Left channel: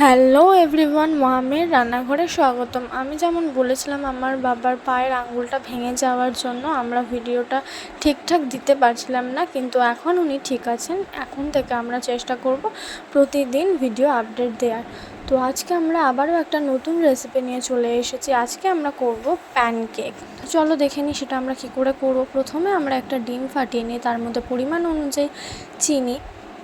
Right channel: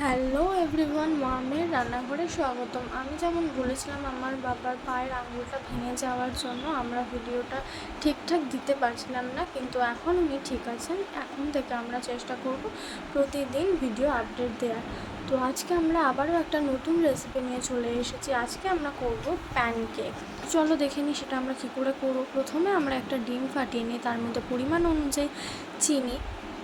Hello everyone, মামের রান্নাঘরে স্বাগতম। আমি যেমন বলেছিলাম আমার বাবার পায়ের আঙুলটা ভেঙে যাওয়ার জন্য আমরা ভিডিওটা ঠিকঠাক দিতে পারছিলাম না, কিন্তু এখন উনি ঠিক আছেন। এখন থেকে আমরা চেষ্টা করব প্রতিদিন ভিডিও আপডেট দেওয়ার। তো আজকে আমরা আবারও একটা নতুন রেসিপি নিয়ে চলে এসেছি। আজকে আমরা করব প্যানকেক। চলো দেখে নিই সেটা আমরা কী করে করব। প্রথমে আমরা একটা ডিম ফাটিয়ে নিই, তার মধ্যে পরিমাণ অনুযায়ী চিনি,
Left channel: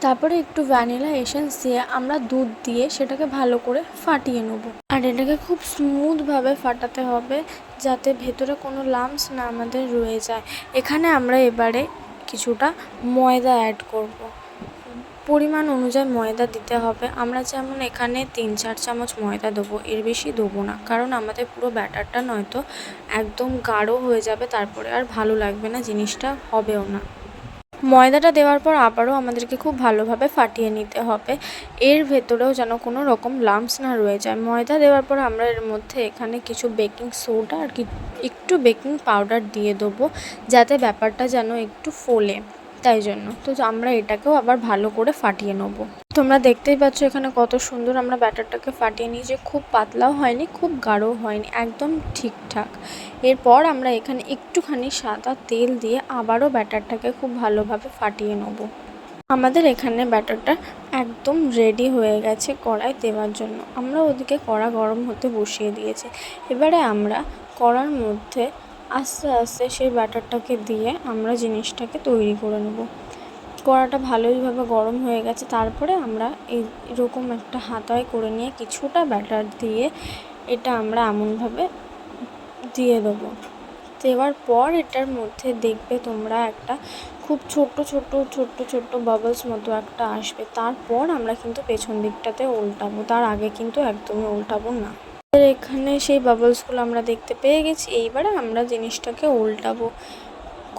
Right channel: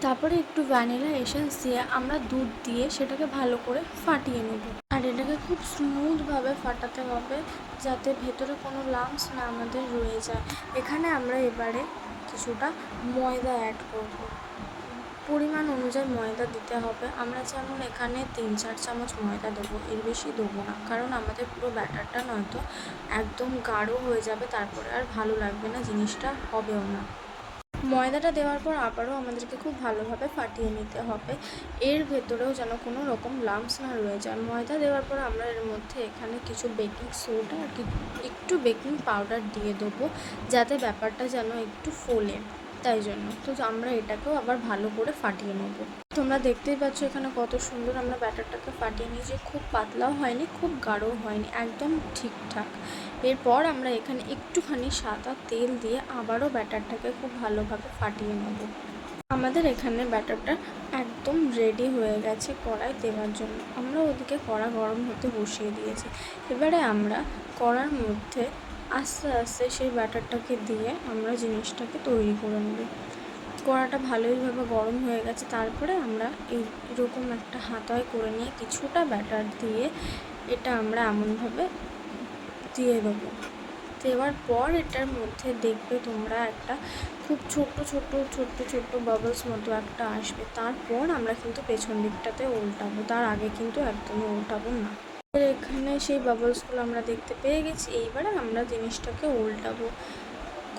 তারপরে একটু ভ্যানিলা এসেন্স দিয়ে আমরা দুধ দিয়ে সেটাকে ভালো করে ফাটিয়ে নেব। আর এটাকে খুব স্মুথভাবে ফাটাতে হবে যাতে ভেতরে কোনো লাম্পস না আমাদের রয়ে যায়। এখানে আমরা এবারে কিছুটা ময়দা অ্যাড করব। পরিমাণ অনুযায়ী ময়দা দিতে হবে। আমরা যেমন এখানে 3-4 চামচ ময়দা দেবো, এর বেশি দেবো না, কারণ আমাদের পুরো ব্যাটারটা নয়তো একদম গাঢ় হয়ে যাবে, তারপরে আর ভালো লাগবে না, জিনিসটা হবেও না। ময়দাটা দেওয়ার পর আবারও আমাদেরকে খুব ভালোভাবে ফাটিয়ে নিতে হবে, এর ভেতরেও যেন কোনো রকম লাম্পস না রয়ে যায়। ময়দা দেওয়ার পর আমরা এর মধ্যে এখানে কিছু বেকিং সোডা আর একটু বেকিং পাউডার দিয়ে দেবো, যাতে ব্যাপারটা যেন একটু ফোলে, তাই জন্য। তো আমরা এটাকেও আবার ভালো করে ফাটিয়ে নেব। তোমরা দেখতেই পাচ্ছ এখানে কত সুন্দর আমরা ব্যাটারটাকে ফাটিয়ে নিয়েছি। খুব পাতলাও হয়নি, খুব গাঢ়ও হয়নি, একদম ঠিকঠাক। এরপর আমরা এখানে একটুখানি সাদা তেল দিয়ে আবারও ব্যাটারটাকে খুব ভালোভাবে ফাটিয়ে নেব। আমাদের এখানে ব্যাটারটা একদম রেডি হয়ে গেছে কড়াই দেওয়ার জন্য। আমরা ওদিকে কড়া গরম হতে বসিয়ে দিয়েছি। এবারে আমরা কড়ার মধ্যে আস্তে আস্তে সেই ব্যাটারটাকে দিয়ে আমরা জিনিসটাকে তৈরি করে নেব। কড়াটা ভালোইভাবে গরম হয়ে গেছে। তারপরে আমরা এরকম একটা হাতায় করে নিয়ে কিছুটা ব্যাটার দিয়ে এটা আমরা এমনভাবে দিয়ে দেবো। দেওয়ার পর এটার মধ্যে দেখবে তোমরা একটা খুব ছোট্ট ছোট্ট বাবলস মতো একটা আসবে। তারপর আমরা কিন্তু পেছন দিকটাতে উল্টাবো, তার আগে কিন্তু একদমই উল্টাবো না। এখানে সেই বাবলসগুলো আমরা দেখতে পেয়ে গেছি। এইবারে আমরা জিনিসটাকে উল্টাবো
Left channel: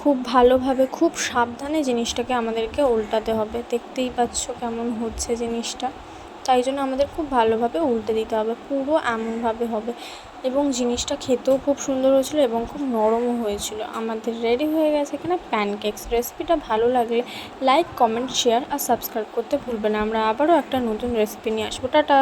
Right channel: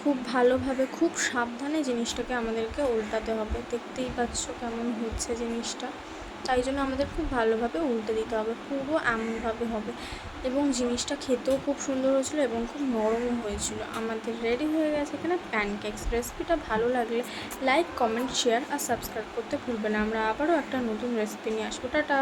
খুব ভালোভাবে, খুব সাবধানে জিনিসটাকে আমাদেরকে উল্টাতে হবে। দেখতেই পাচ্ছ কেমন হচ্ছে জিনিসটা, তাই জন্য আমাদের খুব ভালোভাবে উল্টে দিতে হবে, পুরো এমনভাবে হবে। এবং জিনিসটা খেতেও খুব সুন্দর হয়েছিল এবং খুব নরমও হয়েছিল। আমাদের রেডি হয়ে গেছে এখানে প্যানকেকস। রেসিপিটা ভালো লাগলে লাইক, কমেন্ট, শেয়ার আর সাবস্ক্রাইব করতে ভুলবে না। আমরা আবারও একটা নতুন রেসিপি নিয়ে আসবো। টাটা।